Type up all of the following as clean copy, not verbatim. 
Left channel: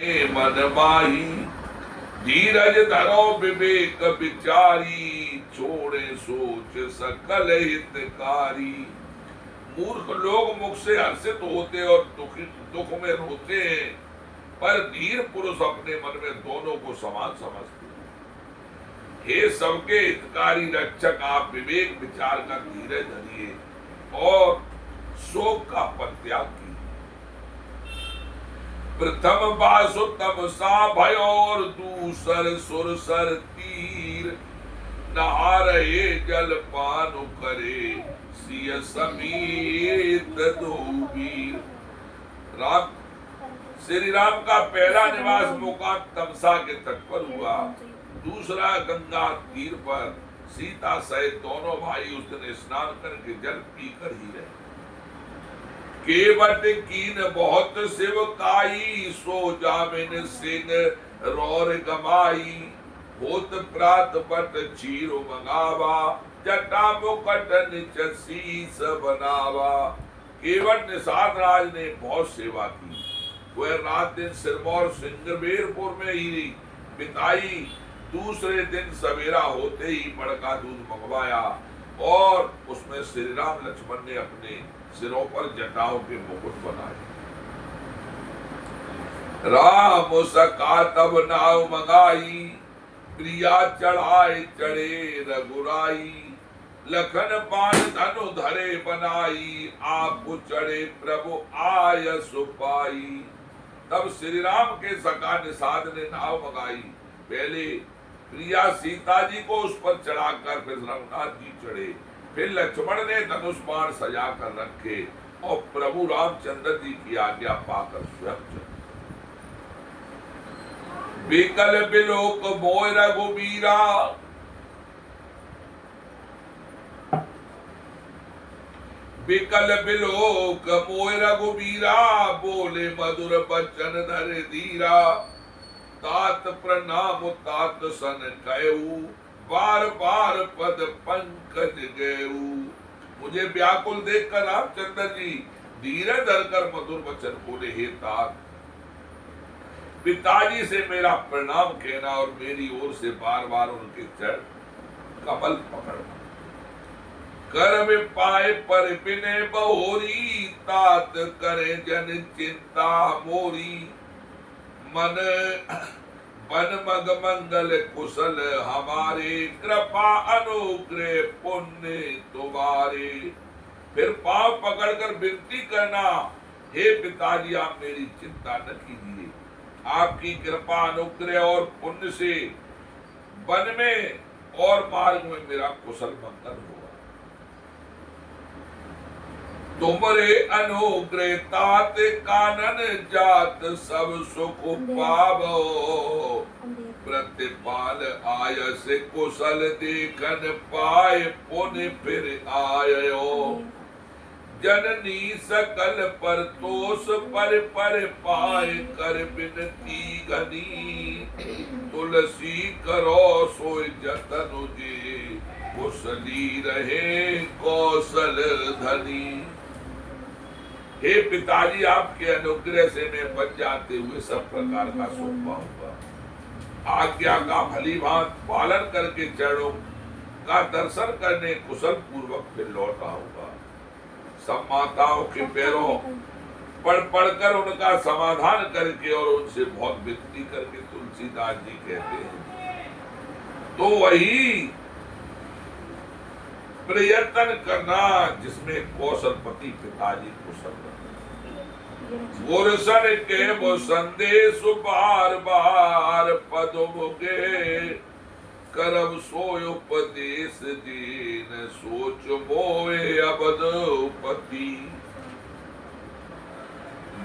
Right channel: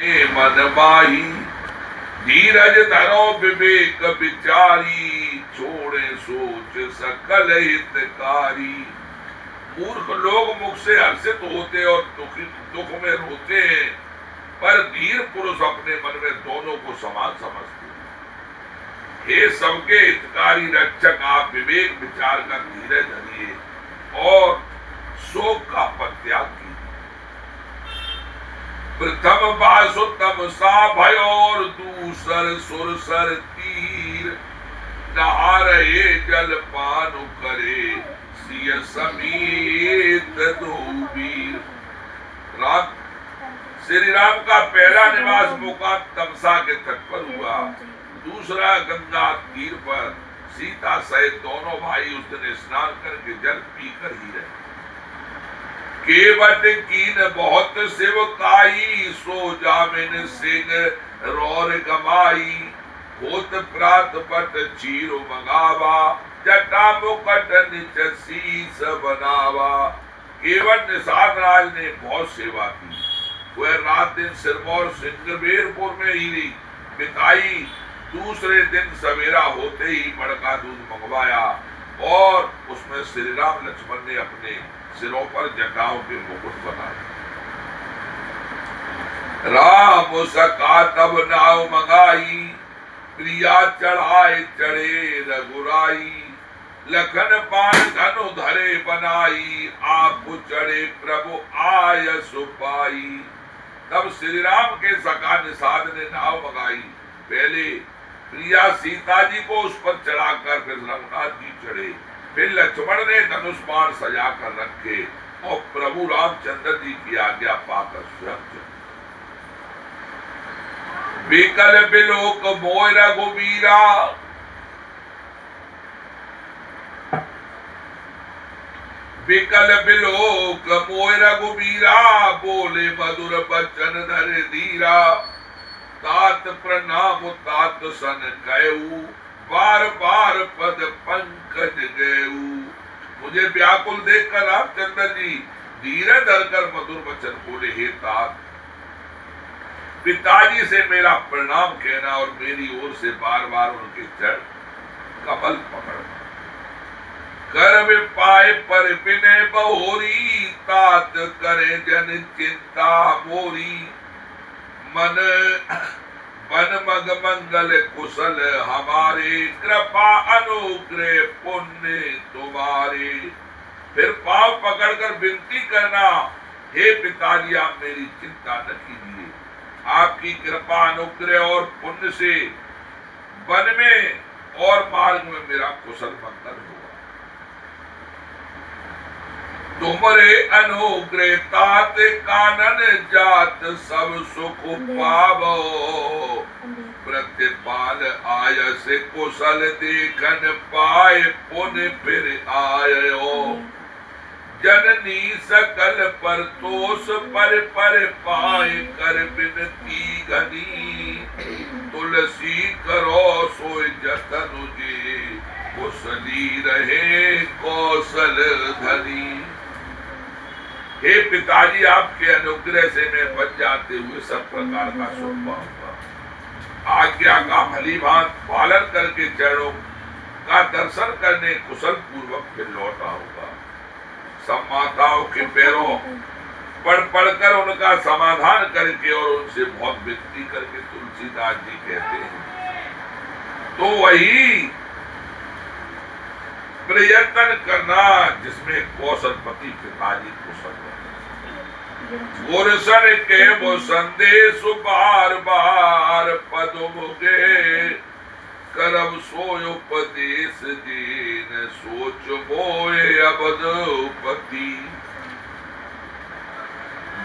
मन माही धीरज धरो विवेक विचारी, छोड़े सोच सकल हितकारी। मूर्ख लोग मुख से हर्षित होते और दुख में रोते हैं, पर धीर पुरुष अपने मन में दोनों को समान समझते हैं। हे सबके हितकारी रक्षक, आप विवेक विचार का धीरज धरिए और शोक का परित्याग कीजिए। प्रथम बासुतम सा भयो और दूसर सुरसर तीर, नहा रहे जल पान करे सिय समेत दो वीर। राम श्री राम का पहला निवास मुकाम तमसा के तट पर हुआ, दूसरा गंगा तीर पर। सीता सहित दोनों भाई उस दिन स्नान करके जल पीकर ही रहे। केवट कीन बहुत शिव काई, सो जामिन सिंह रौर गमाई। होत प्रात पट चीरो मंगावा, जटा मुकट निच शीस बनावा। केवट निषाद राज ने बहुत सेवा की। वह रात दिन सिरमौर सिंगरवेरपुर में ही बिताई। दूसरे दिन सवेरा होते ही मड़का दूध मंगवाया और उसमें श्री राम लक्ष्मण ने अपने सिरों पर जटाओं के मुकुट बनाए। राम सका तब नाव मंगाई, प्रिया चढ़ाए चढ़े रघुराई। लखन पान धनु धरे बनाई, आप चढ़े प्रभु आय सुपाई। तब श्री राम के सका निषाद ने नाव मंगाई। पहले प्रिया सीता जी को उस पर चढ़ाकर फिर रघुनाथ जी चढ़े। फिर लक्ष्मण ने धनुष बाण सजा कर रखे और प्रभु रामचंद्र जी की आज्ञा पाकर स्वयं चढ़े। विकल बिलोक मोय रघुबीरा, विकल बिलोक मोय रघुबीरा। बोले मधुर बचन धर धीरा, तात प्रणाम तात सन कहू। बार बार पद पंकज गयऊ। मुझे व्याकुल देखकर रामचंद्र जी धीरज धरकर मधुर वचन बोले, हे तात, पिताजी से मेरा प्रणाम कहना और मेरी ओर से बार बार उनके चरण कमल पकड़ना। कर में पाए पर विनय बहोरी, तात करे जन चिंता मोरी। मन बन मग मंगल कुशल हमारे, कृपा अनुग्रह पुण्य तुम्हारे। फिर पांव पकड़कर विनती करना, हे पिताजी आप मेरी चिंता न कीजिए। आपकी कृपा अनुग्रह और पुण्य से वन में और मार्ग में मेरा कुशल मंगल होगा। तुमरे अनुग्रह तात कानन जात, सब सुख पावो। प्रतिपाल आय से कुशल देखन पाए, पुण्य फिर आयो। जननी सकल पर तोष पर पाए, कर बिनती घनी। तुलसी करो सोय जतन जे, कुशली रहे कौशल धनी। हे पिताजी आपके अनुग्रह से मैं बच जाते हुए सब प्रकार का सुख पाऊंगा। आज्ञा का भली भांत पालन करके चरणों का दर्शन करने कुशल पूर्वक फिर लौट आऊंगा। सब माताओं के पैरों पढ़कर उनका समाधान करके और उनसे बहुत विनती करके तुलसीदास जी कहते हैं, तो वही प्रयत्न करना जिसमें कौशलपति पिताजी कुशल है। गुरसन के वो संदेश बार बार पद मुगे, करब सोय उपदेश दीन सोच मोए अबदपति।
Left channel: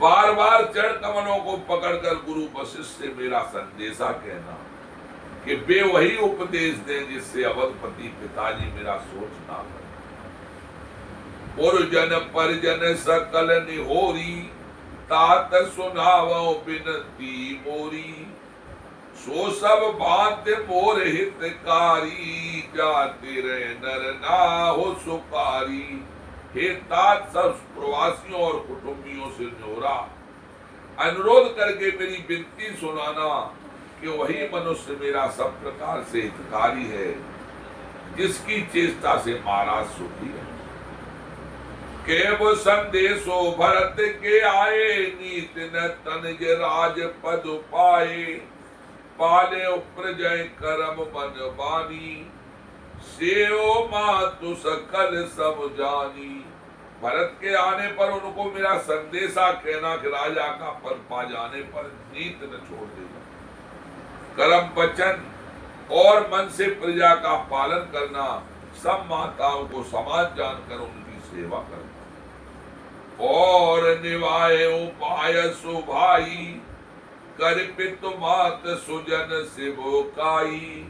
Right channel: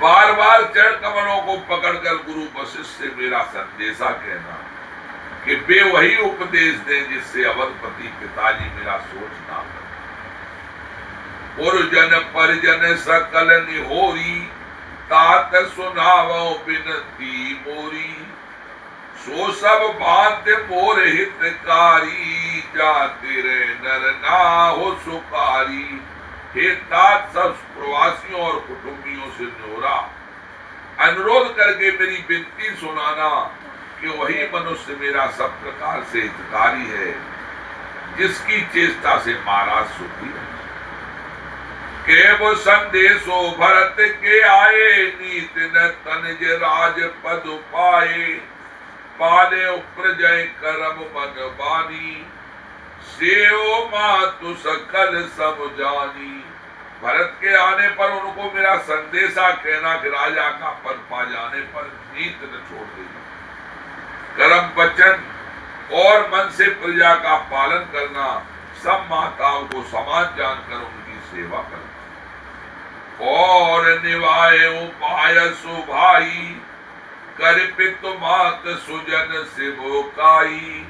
बार बार चरण कमलों को पकड़कर गुरु वशिष्ठ से मेरा संदेशा कहना कि वे वही उपदेश दें जिससे अवधपति पिताजी मेरा सोच ना करें। पुरजन परिजन सकल निहोरी, तात सुनावो बिनती मोरी। सो सब भांति मोर हितकारी, जाते रे नर ना हो सुकारी। हे तात सब प्रवासियों और कुटुंबियों से न्योरा, अनुरोध करके मेरी विनती सुनाना कि वही मनुष्य मेरा सब प्रकार से हितकारी है, जिसकी चेष्टा से महाराज सुखी है। केव संदेशो भरत के आए, नीत न तनज राज पद पाए, पाले प्रजय करम मन बानी, सेओ मातु सकल सब जानी। भरत के आने पर उनको मेरा संदेशा कहना कि राजा का पद पा जाने पर नीत न छोड़ देना, कर्म वचन और मन से प्रजा का पालन करना, सब माताओं को समान जानकर उनकी सेवा करना, और निभाए उपाय सुभाई, कर पितु मात सुजन सिवोकाई,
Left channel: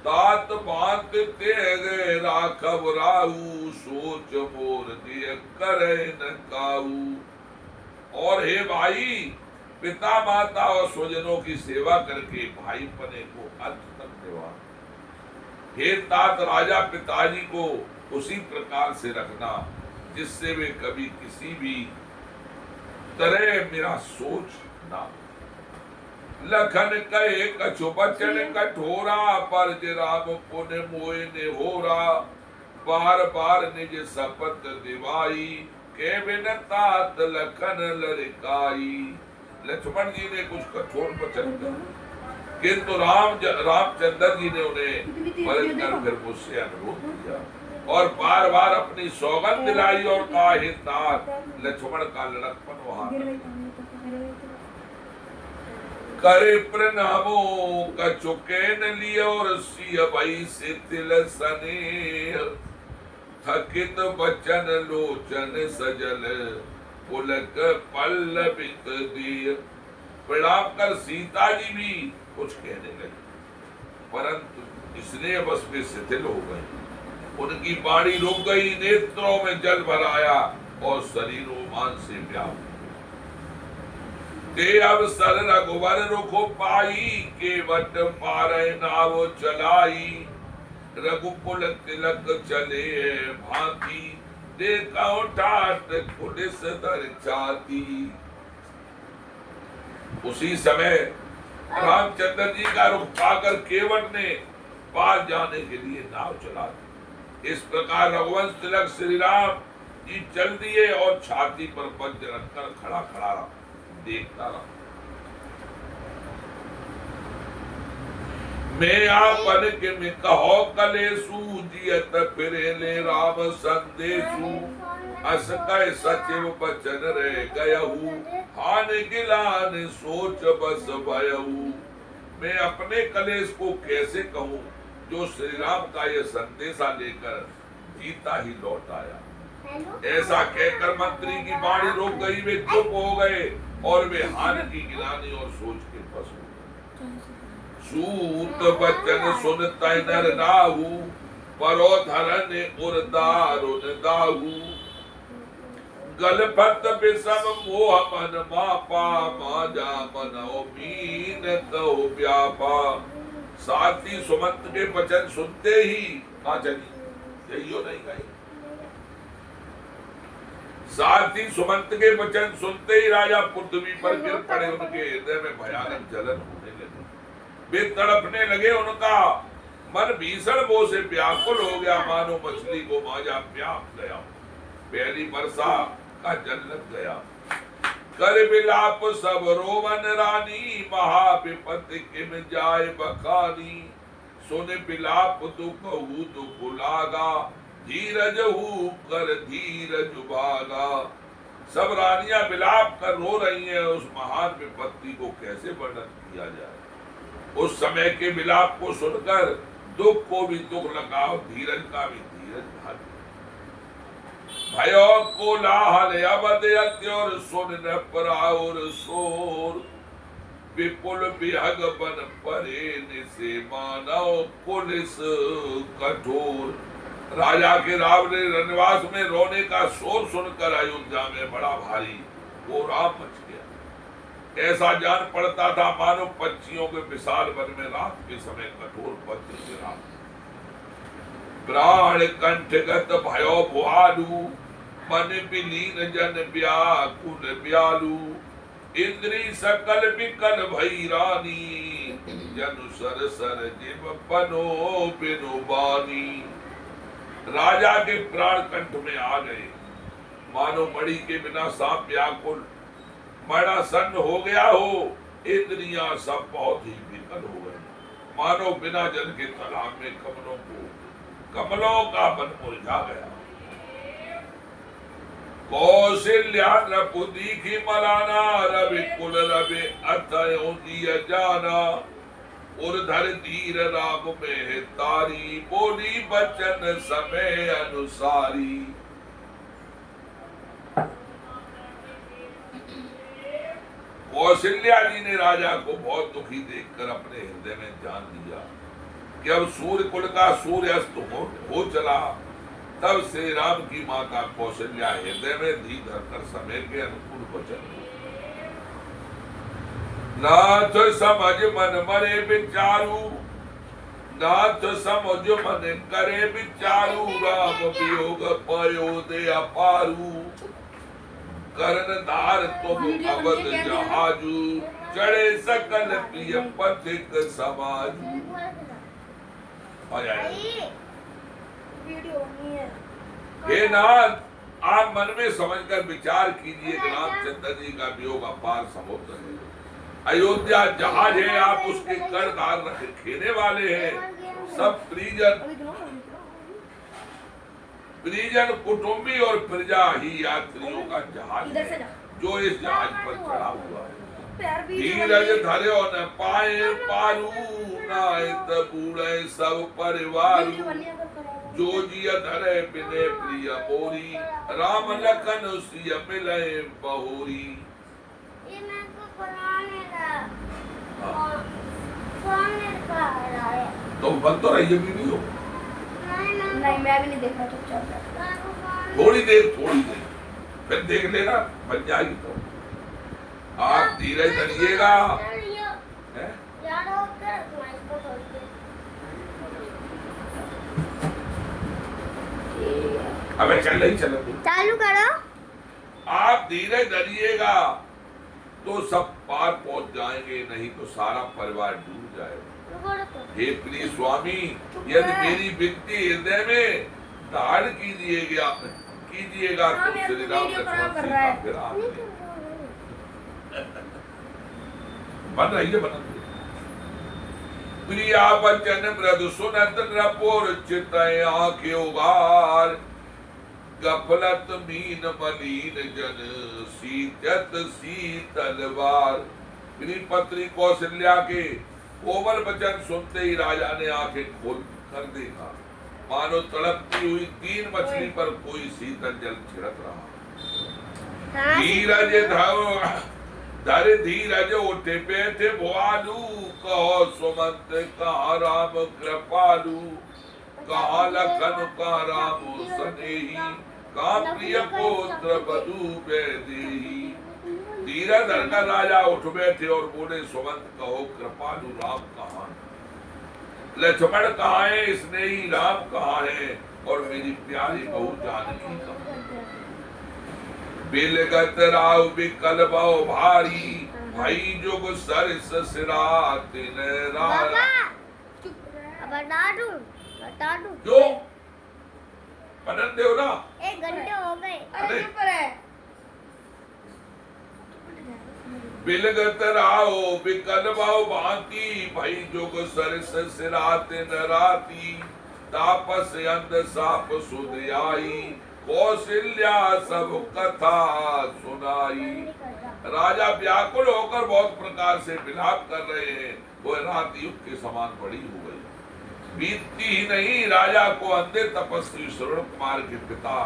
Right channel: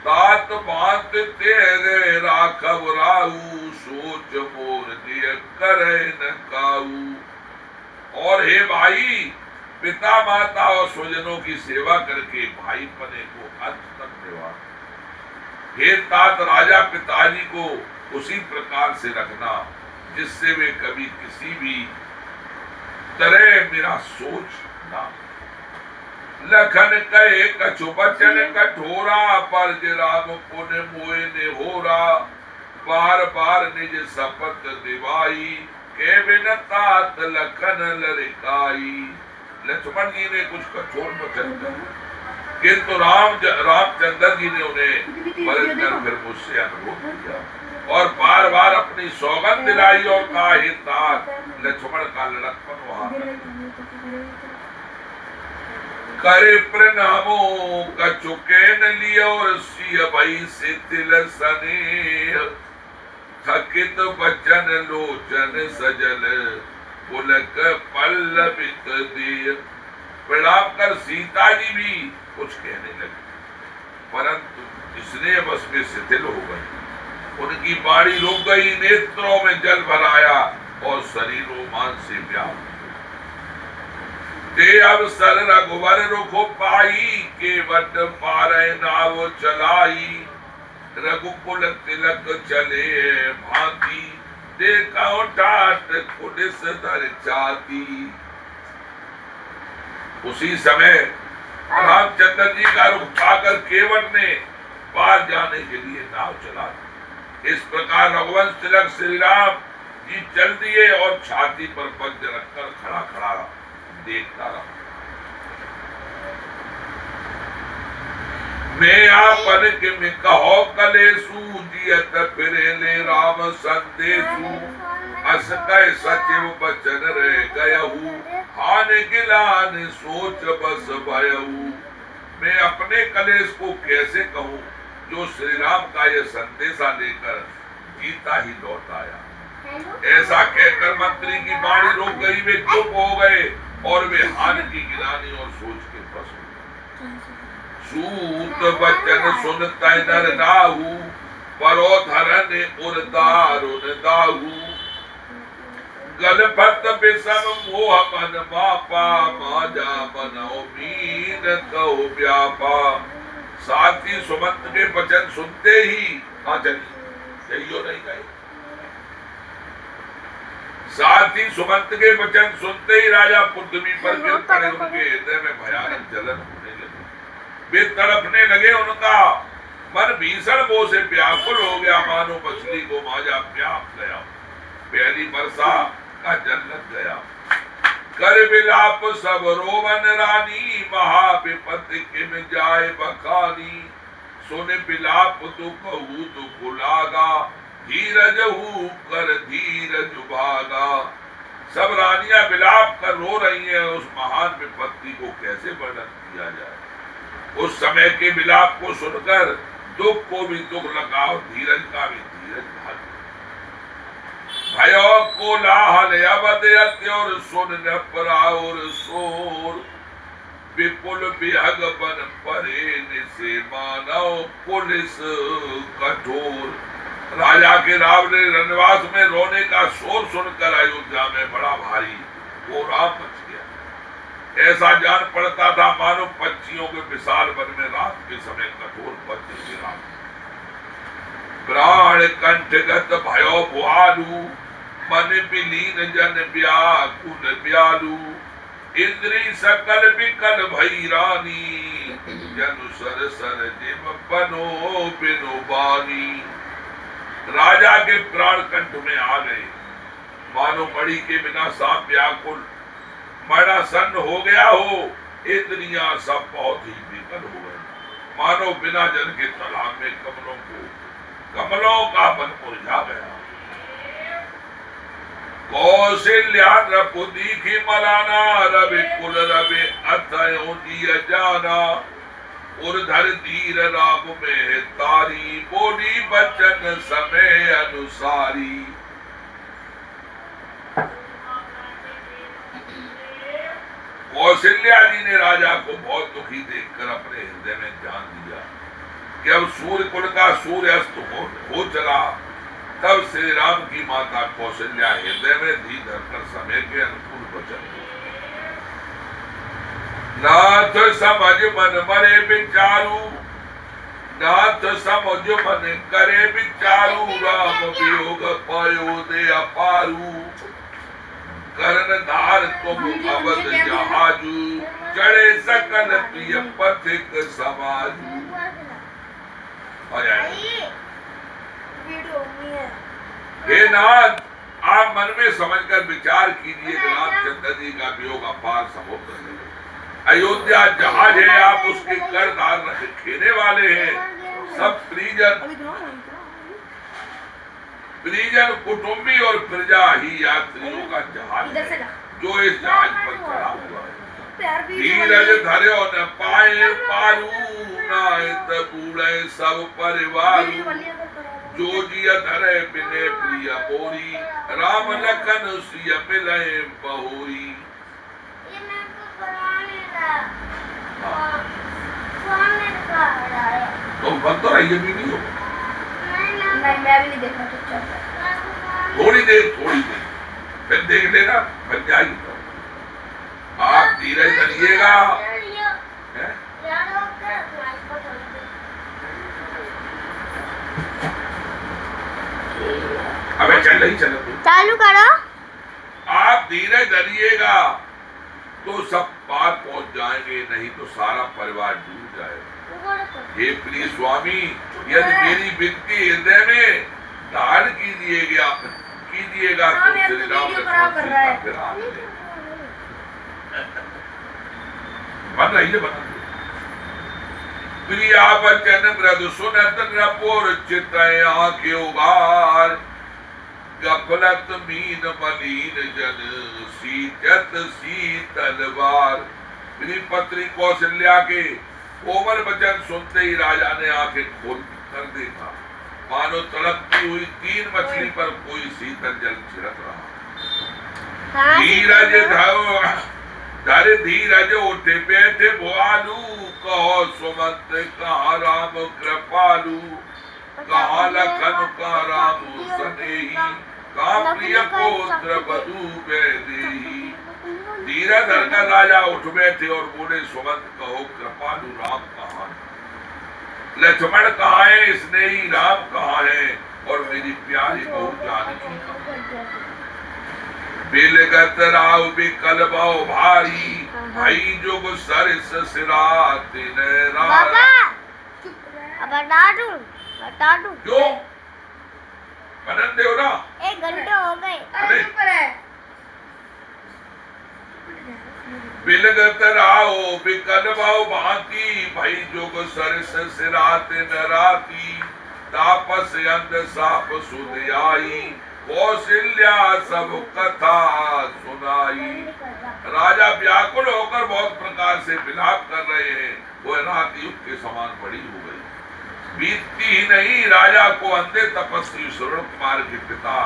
तात बात तेरे राखब राऊ, सोच मोर दिय करे न काऊ। और हे भाई, पिता माता और स्वजनों की सेवा करके भाई पने को अंत तक निभा। हे तात राजा पिताजी को उसी प्रकार से रखना जिससे वे कभी किसी भी तरह मेरा सोच ना। लखन कहे कछु बचन कठोरा, पर राम पुन मोय ने होरा, बार बार निज शपथ दिवाई, के बिन तात लखन लरिकाई। लक्ष्मण जी ने कुछ कठोर वचन कहे, किंतु रामचंद्र जी ने उन्हें वरन कर फिर मुझसे अनुरोध किया और बार बार अपनी सौगंध दिलाई और कहा, हे तात, लक्ष्मण का लड़कपन वहां करे प्रणामो कचुके न लियो, और सिय भई से तिल सनेह, थकित बचन लोचन सजल, पुलक पल्लवित दिय। प्रणाम कर सीता जी भी कुछ कहने लगे, परंतु स्नेह बस में शिथिल हो गई। उनकी बाणी रुक गई, नेत्रों में जल भर आया और शरीर रोमांच से व्याप्त। ते अवसर रघुवर रुख पाई, केवट पारै नाव चलाई, रघुकुल तिलक चले भांति, देखो टाट कुटिस दर छाती। उसी समय रामचंद्र जी का रुख पाकर केवट ने पार जाने के लिए नाव चला दी। इस प्रकार रघुवंश तिलक श्री राम जी चल दिए और छाती पर पग रखकर खड़ा खड़ा देखता रहा। मैं आपन के में कहो कलेसु, जियत फिरे ले राम संदेशु, अस कह सचिव बचन रह गयहु, हान गिलान सोच बस भयहु। मैं अपने कलेश को कैसे कहूँ जो श्री राम का यह संदेशा लेकर जीता ही लौट आया। ऐसा कहकर मंत्री की बाणी रोक गई, वे चुप हो गए और वे हानि की गिलानी और सोच के फंस गए। सूत बचन सुनता नर नाहु, परो धरन उर्दारुन दाहु, गलफत विषम मोह मन मापा, माजा बनो मीन कहो व्यापा। साथी सुमंत के वचन सुनते ही कहाँ चली, यही नहीं गए। साथ ही सुमंत के वचन सुनते ही राजा पृथ्वी पर गिर पड़े। उनके हृदय में भयानक जलन होने लगी, वे तड़पने लगे। उनका मन भीषण मोह से व्याकुल हो गया, मानो मछली को माजा प्यास गया, पहली वर्षा का जल लग गया। कर विलाप सब रोवन रानी, महाविपत्ति किम जाए बखानी, सुन विलाप दुख हु दुख लागा, धीरज हु कर धीरज भागा। सब रानियां विलाप कर रो रही हैं, उस महान विपत्ति को कैसे वर्णन किया जाए। उस समय के विलाप को सुनकर दुख को भी दुख लगा और धीरज का भी धीरज भाग। भयो कोलाहल अवध अत्य और सुन न पराओर शोर, विपुल विहग बन परे निसे मानव पुलिस कठोर। राजा के रावण रनवास में रोने का शोर सुनकर अयोध्या में बड़ा भारी कोहराम मच गया। ऐसा जान पड़ता था मानो पक्षियों के विशाल वन में रात के समय कठोर वज्र गिरा। प्राण कंठगत भयो भुआलू, मन विलीन जन व्याकुल व्यालू, इंद्री सकल विकल भई रानी, जनु सर सर जिम बनो बिनु बानी। राजा के प्राण कंठ में आ गए, मानो मणि के बिना सांप व्याकुल, मड़ा सन्न हो गया हो। इंद्रियां सब बहुत ही विकल हो गए, मानो बिना जल के तालाब में कमलों का मन मुरझा गया। कौशल्या नृप दीखी मलाना, रवि कुल रवि अतयो दिय जाना। उर्धर धीर राम में तारी, बोली बचन समय अनुसारी। कौशल्या जी ने राजा को बहुत दुखी देखकर अपने हृदय में जान लिया कि अब सूर्य कुल का सूर्य अस्त हो चला। तब श्री राम की माता कौशल्या हृदय में धी धरकर समय के अनुकूल वचन, नाथ समझ मन मरे विचारू, नाथ समझ मन करे विचारू। राम वियोग पायो दे अपारू, करण धार तुम अवध जहाजू। चढ़े सकल प्रिय पथिक समाजू। हे नाथ, आप मन में समझकर विचार कीजिए कि रामचंद्र जी का वियोग अपार समुद्र है। अयोध्या जहाज है, आप उसके करदार खेने वाले हैं। सब परिजन कुटुंबी और प्रजा ही यात्रियों का जहाज है, जो इस जहाज पर चढ़ा हुआ है। धीरज धर्यो न पाए पारू, नायत बूढ़े सब परिवार। जो जिय धरे बिने प्रिय बोरी, राम लखन सिय मिलए बहोरी। तुम बन तो रही बीवी हो। नहीं, मैं भी नहीं देख रहा, चुपचाप। थोड़ी देर फिर देख लेना, बन जाएगी। तो आप धीरज धरिएगा। अबे चल रही, चलो चालू करो। आप धीरज धरिएगा तो सब पार पहुंच जाएंगे, नहीं तो सारा परिवार डूब जाएगा। हे प्रिय स्वामी, यदि मेरी विनती हृदय में धारण कीजिएगा तो श्री राम बन रही है, बना प्रिया बचन मृदु सुनत नपुर चित आंखें उगार। गफलत मीन मलीन जन सींचत शीतलवार। मेरी पत्नी कौशल्या के कोमल वचन सुनते ही राजा ने आंखें खोल कर देखा, मानो तड़पती हुई 3 मछली पर कोई शीतल जल छिड़क रहा। धीरज उठे बैठे भुआलू, कहो सुमंत कहा राम कृपालू। कहा लखन का राम सनेही, का प्रिय पुत्र बधू देही। धीरज धरकर राजा उठ बैठे और बोले, सुमंत कहो कृपालु राम कहाँ है? लक्ष्मण कहाँ है? स्नेही राम कहाँ है? और मेरी प्यारी बहू जानकी कहाँ? बिलगत राव बिकल भाव भारी, भाई जोग सरस सिरात न रारी। बता दूं क्यों? बनन दे ना, 1 घंटे हो गए। बिलगत राव बिकल भाव भांति, भाई जोग सरस सिरात न राती। तापस अंध साप सुध आई, कौशल्या सब कथा सुनाई। राजा व्याकुल होकर बहुत प्रकार से विलाप कर रहे हैं। वो रात युग के समान बड़ी हो गई। बीतती ही नहीं, राजा को अंधे तपस्वी श्रवण कुमार के पिता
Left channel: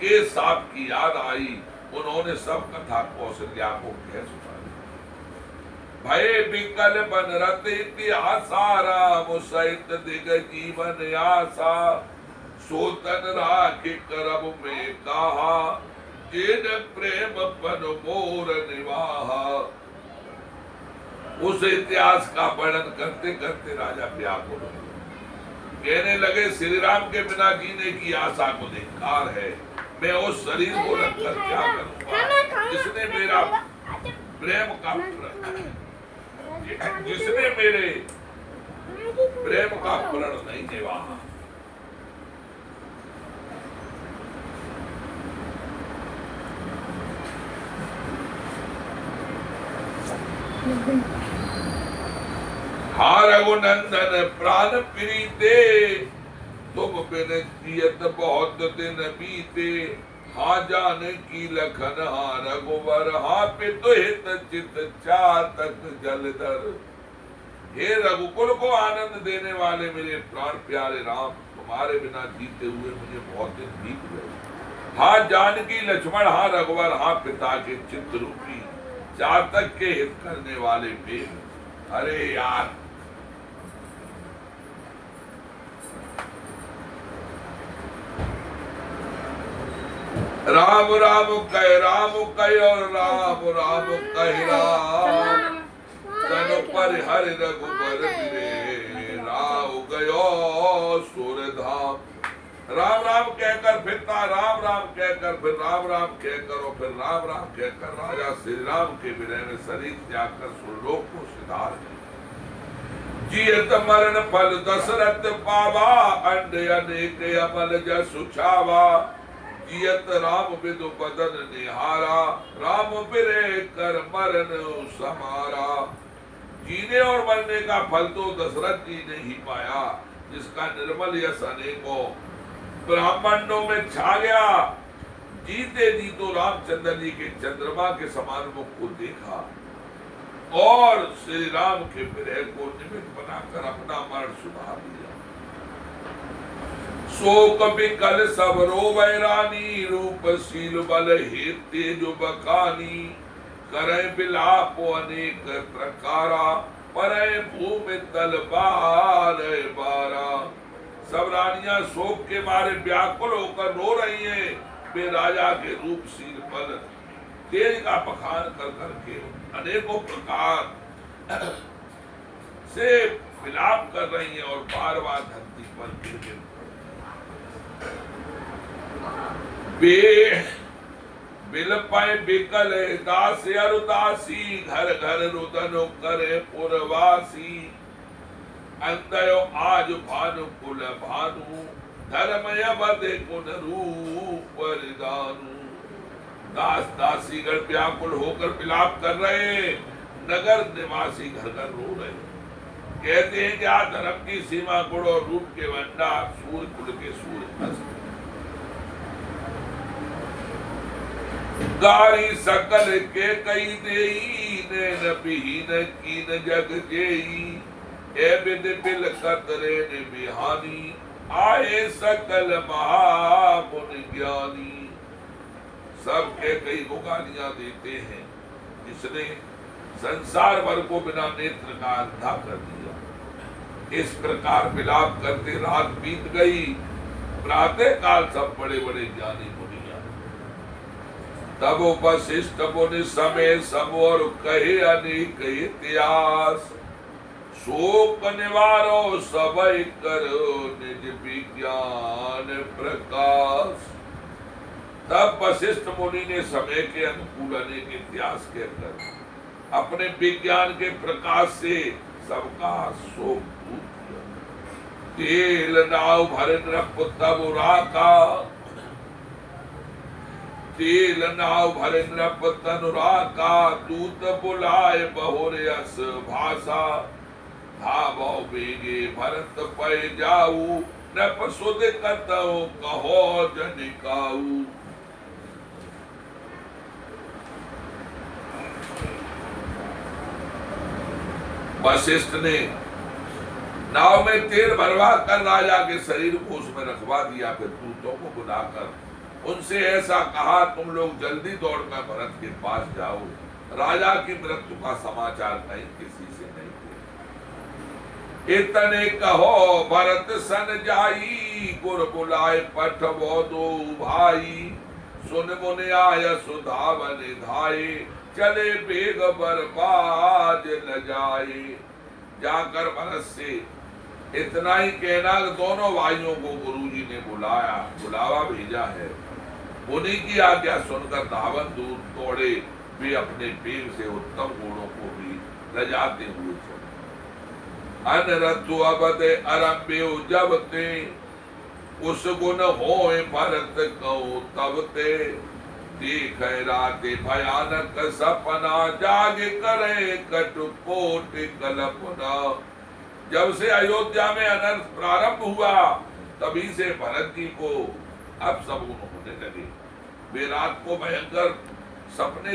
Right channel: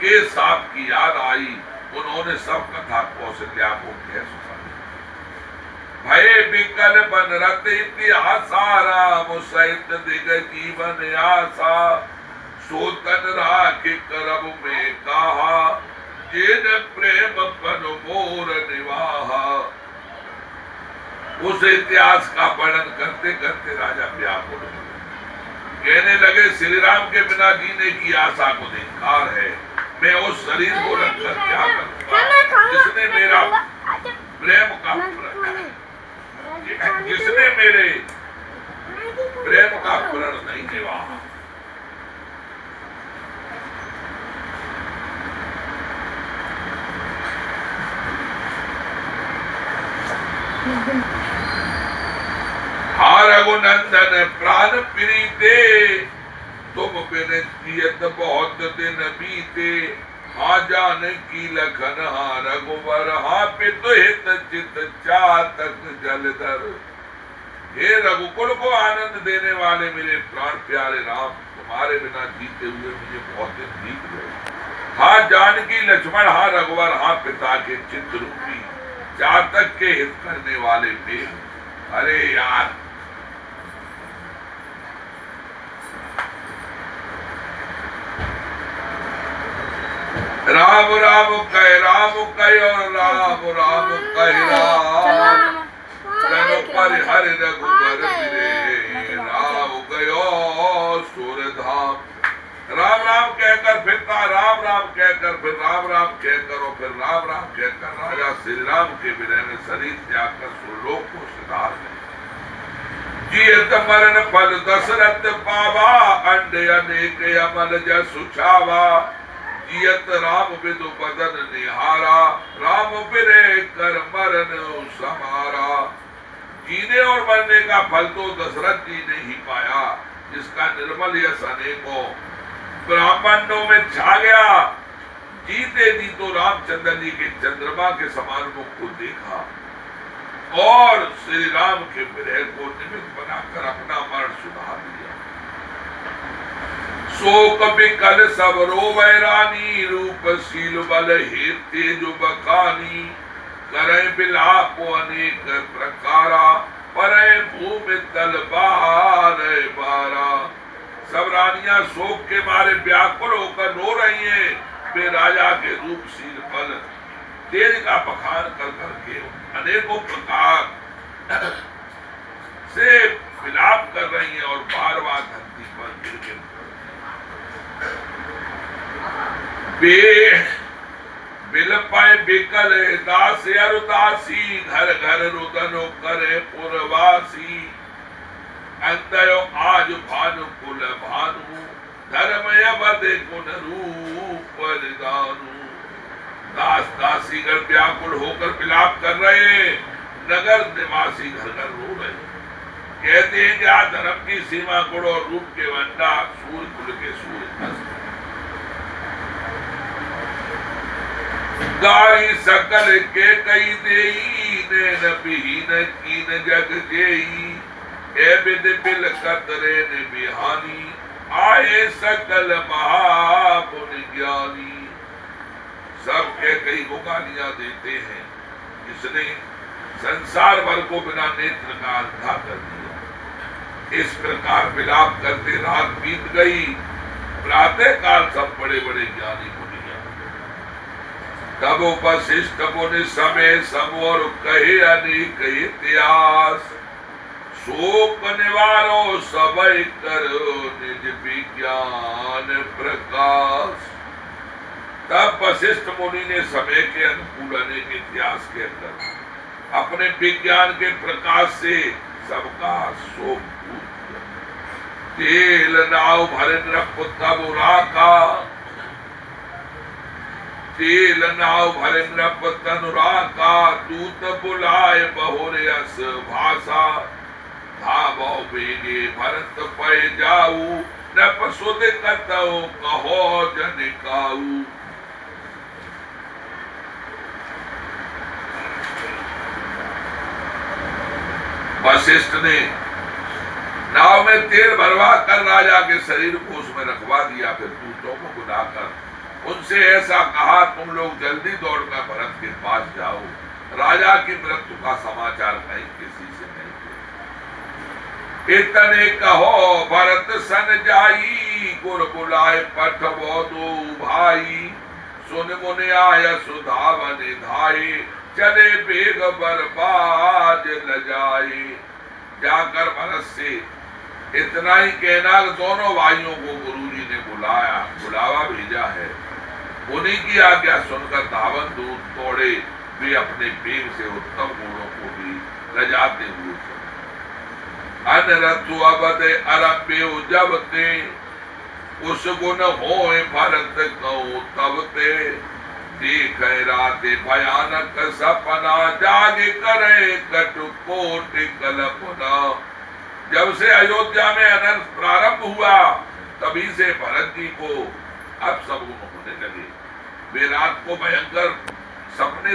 के साप की याद आई। उन्होंने सब कथा कौशल्या को कह सुनाई। भय विकल बन रत इतिहासा, राम सहित दिग जीवन आशा। सोतन राख करब में कहा, जिन प्रेम पन मोर निवाहा। उस इतिहास का वर्णन करते करते राजा व्याकुल हो गए। कहने लगे, श्री राम के बिना जीने की आशा को धिक्कार है। मैं उस शरीर को रखकर क्या करूंगा जिसने मेरा प्रेम का जिसने मेरे प्रेम का प्रण नहीं निभाया, हा रघुनंदन प्राण प्रीते, तुम बिन जियत बहुत दिन बीते। हाँ जानकी लखन हा रघुवर, हा पितु हित चित चातक जलधर। हे रघुकुल को आनंद देने वाले मेरे प्राण प्यारे राम, तुम्हारे बिना जीते हुए मुझे बहुत दिन बीत गए। हाँ जानकी लक्ष्मण, हा रघुवर, हा पिता के चित्त रूपी चातक के हित करने वाले मेरे। अरे यार राम राम कह और राम राम कह राम, तनु पर हर रघुबर मिले, राम गयो सूरधाम। राम राम कहकर फिरता, राम राम कहकर फिर राम राम कहकर और फिर राम राम कहकर राजा श्री राम के विनय में शरीर त्याग कर सुरलोक को सिधार गए। जियत मरण फल दशरथ पावा, अंड अनेक अमल जसु छावा। जियत राम विदु बदन निहारा, राम बिरे कर मरण समारा। जीने और मरने का फल तो दशरथ जी ने ही पाया, जिसका निर्मल यश अनेकों ब्राह्मणों में छा गया। जीते जी तो रामचंद्र जी के चंद्रमा के समान मुख को देखा और श्री राम के विरह को निमित्त बनाकर अपना मरण सुधार लिया। शोक विकल सब रोवै रानी, रूप शील बल हे तेज बखानी। करे बिलाप अनेक प्रकारा, परे भूमि तल बार बारा। सब रानियां शोक के मारे व्याकुल होकर रो रही हैं। वे राजा के रूप शील बल तेज का बखान कर करके अनेकों प्रकार से विलाप कर रही हैं और बार बार धरती पर गिर गिर बिल पाए बिकल दास अरुदासी। घर घर रुदन करे पुरवासी। अंतयो आज भानु कुल भानु, धर्म अवध कुल रूप दानु। दास दासी घर व्याकुल होकर विलाप कर रहे, नगर निवासी घर घर रो रहे। कहते हैं कि आज धर्म की सीमा गुण और रूप के वंडा सूर्य कुल के सूर्य गारी सकल के कई देई, नैन विहीन कीन जग जेई। ए बिद बिल कतरे ने बिहानी, आए सकल महापुन ज्ञानी। सब के कई को गालियां देते हैं, इसने संसार भर को बिना नेत्र का अंधा कर दिया। इस प्रकार विलाप करते रात बीत गई। प्रातः काल सब बड़े बड़े ज्ञानी मुनिया तब उपशिष्ट मुनि समय सब और कहे अनेक इतिहास। शोक निवारो सबई करो निज विज्ञान प्रकाश। तब वशिष्ठ मुनि ने समय के अनुकूल अनेक इतिहास के अंदर अपने विज्ञान के प्रकाश से सबका शोक दूर। तेल नाव भरे नृप तब राका, तेल नाव भरे नृप तनुराका। दूत बुलाए बहुरे अस भाषा, भावो बेगे भरत पै जाऊ। नृप सुध कतौ कहो जन काऊ। वशिष्ठ ने नाव में तेल भरवा कर राजा के शरीर को उसमें रखवा दिया। फिर दूतों को बुलाकर उनसे ऐसा कहा, तुम लोग जल्दी दौड़कर भरत के पास जाओ। राजा की मृत्यु का समाचार कहीं किसी से नहीं। इतने कहो भरत सन जाई, गुर बुलाए पठवो दो भाई। सुन मुनि आय सुधावन धाये, चले बेग बर्बाद न जाए। जाकर भरत से इतना ही कहना, दोनों भाइयों को गुरुजी ने बुलावा भेजा है। मुनि की आज्ञा सुनकर धावन दूत दौड़े, वे अपने वेग से उत्तम गुणों को भी लजाते हुए चले। अनरथु अवध अरम्य जब ते उस गुण होए भरत कहो तब ते देख राते भयानक सपना जाग करे कटुकोट कल्पना। जब से अयोध्या में अनर्थ प्रारंभ हुआ तभी से भरत जी को अब सब होने लगे। वे रात को भयंकर सपने